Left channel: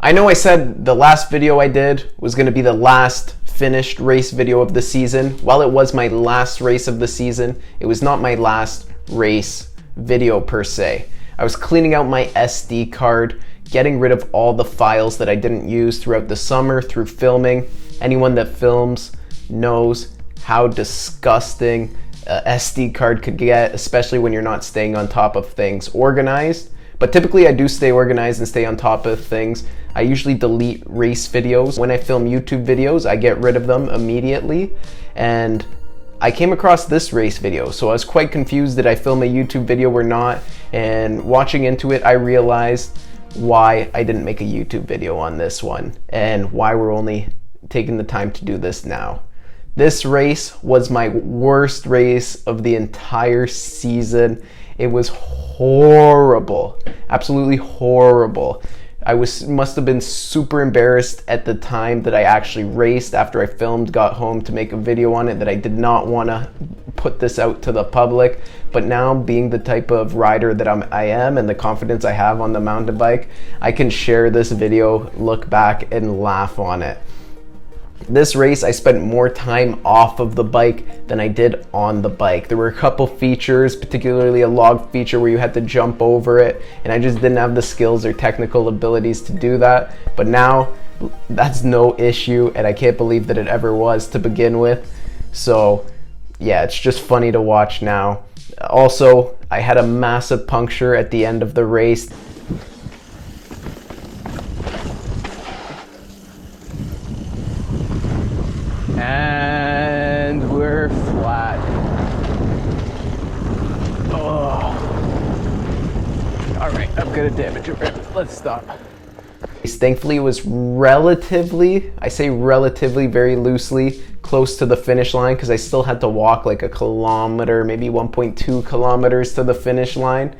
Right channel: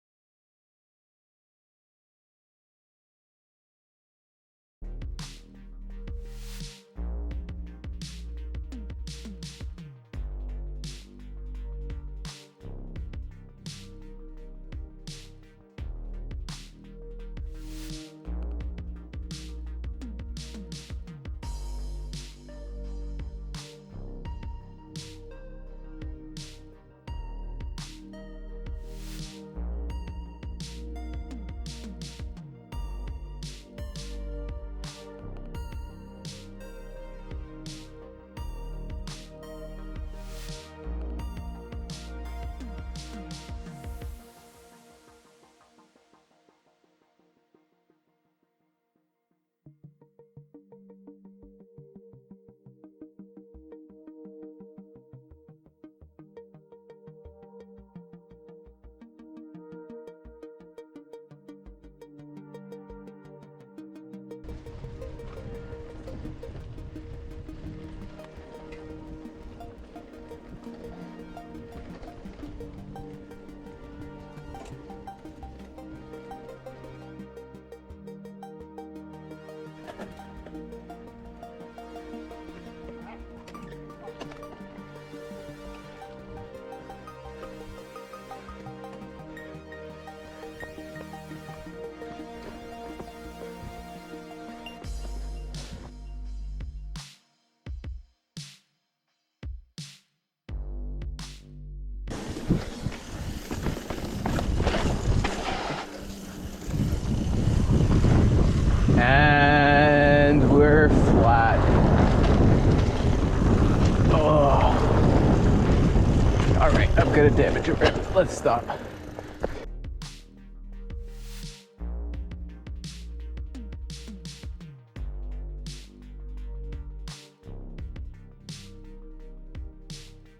I know I said the last video I did was going to be the last finished race video of the season. While it was my last race of the season, it was not my last race video per se. I was cleaning out my SD card, getting rid of all the files that I didn't use throughout the summer through filming. Anyone that films knows how disgusting a SD card could get, especially when you're not staying on top of things organized. But typically I do stay organized and stay on top of things. I usually delete race videos. When I film YouTube videos, I get rid of them immediately. And I came across this race video, so I was quite confused. Did I film a YouTube video or not? And watching into it, I realized why I didn't make a YouTube video on this one and why we're only taking the time to do this now. This race was my worst race of the entire season. It was horrible, absolutely horrible. I must have been super embarrassed at the time that I actually raced after I filmed, got home to make a video on it, that I did not want to put this out to the public. But now, being the type of rider that I am and the confidence I have on the mountain bike, I can share this video, look back and laugh on it. This race, I spent more time off of the bike than I did on the bike. There were a couple features, particularly a log feature where you had to jump over it, and I just didn't have the skills or technical abilities to do that. But now, that's no issue, and I can't believe that it ever was to begin with. So yeah, it's just funny to watch now. Also, I had a massive puncture at the end of the race. And we're flat. Oh. All right, I'm gonna damage it. Let's stop. Thankfully, it was relatively, I say relatively very loosely, close to the finish line because I still had to walk like a kilometer, maybe 1.2 kilometers to the finish line.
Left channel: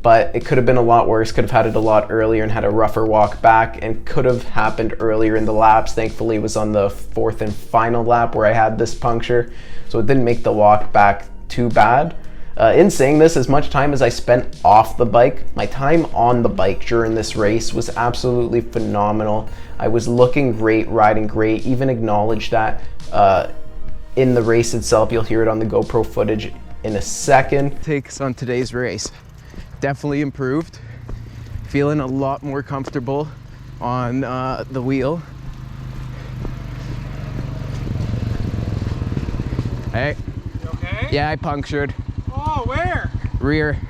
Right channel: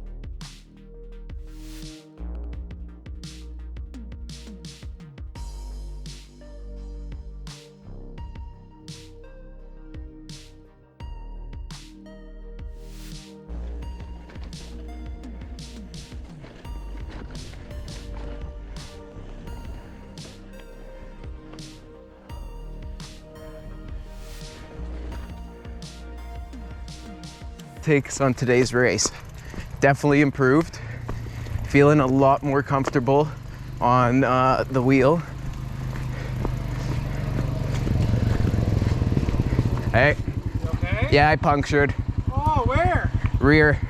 But it could have been a lot worse, could have had it a lot earlier and had a rougher walk back, and could have happened earlier in the laps. Thankfully, it was on the fourth and final lap where I had this puncture, so it didn't make the walk back too bad. In saying this, as much time as I spent off the bike, my time on the bike during this race was absolutely phenomenal. I was looking great, riding great, even acknowledged that in the race itself. You'll hear it on the GoPro footage in a second. Takes on today's race. Definitely improved. Feeling a lot more comfortable on the wheel. Hey. You okay? Yeah, I punctured. Oh, where? Rear.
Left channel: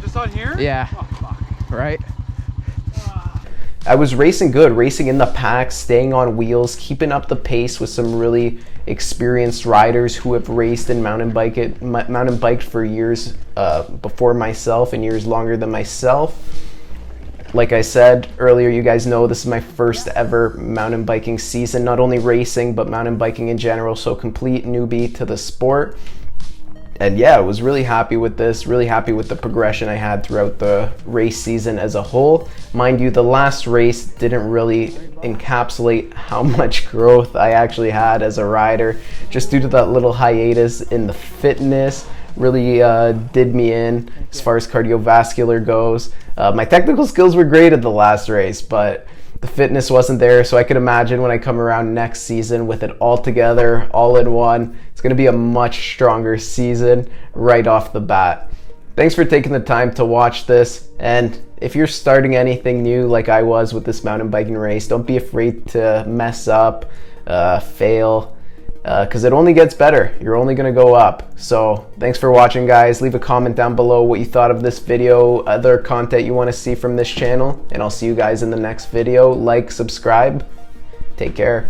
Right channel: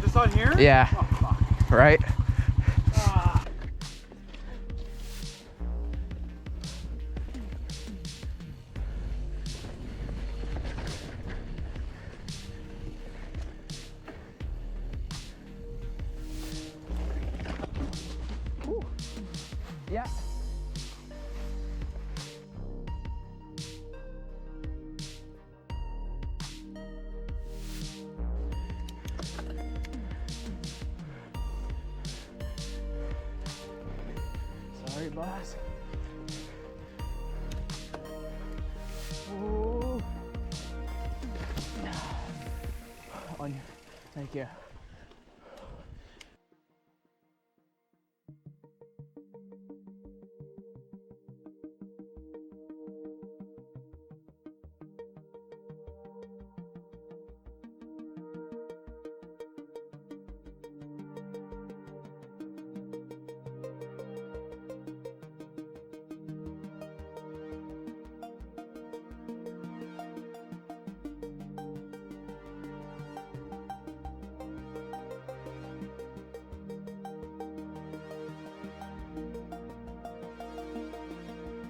Just on here? Yeah. Oh, fuck. Right? I was racing good, racing in the pack, staying on wheels, keeping up the pace with some really experienced riders who have raced and mountain biked for years before myself and years longer than myself. Like I said earlier, you guys know this is my first ever mountain biking season, not only racing, but mountain biking in general, so complete newbie to the sport. And yeah, I was really happy with this, really happy with the progression I had throughout the race season as a whole. Mind you, the last race didn't really encapsulate how much growth I actually had as a rider, just due to that little hiatus in the fitness. Really did me in as far as cardiovascular goes. My technical skills were great at the last race, but the fitness wasn't there, so I could imagine when I come around next season with it all together, all in one, it's going to be a much stronger season right off the bat. Thanks for taking the time to watch this, and if you're starting anything new like I was with this mountain biking race, don't be afraid to mess up, fail, because it only gets better. You're only going to go up. So thanks for watching, guys. Leave a comment down below what you thought of this video, other content you want to see from this channel, and I'll see you guys in the next video. Like, subscribe, take care.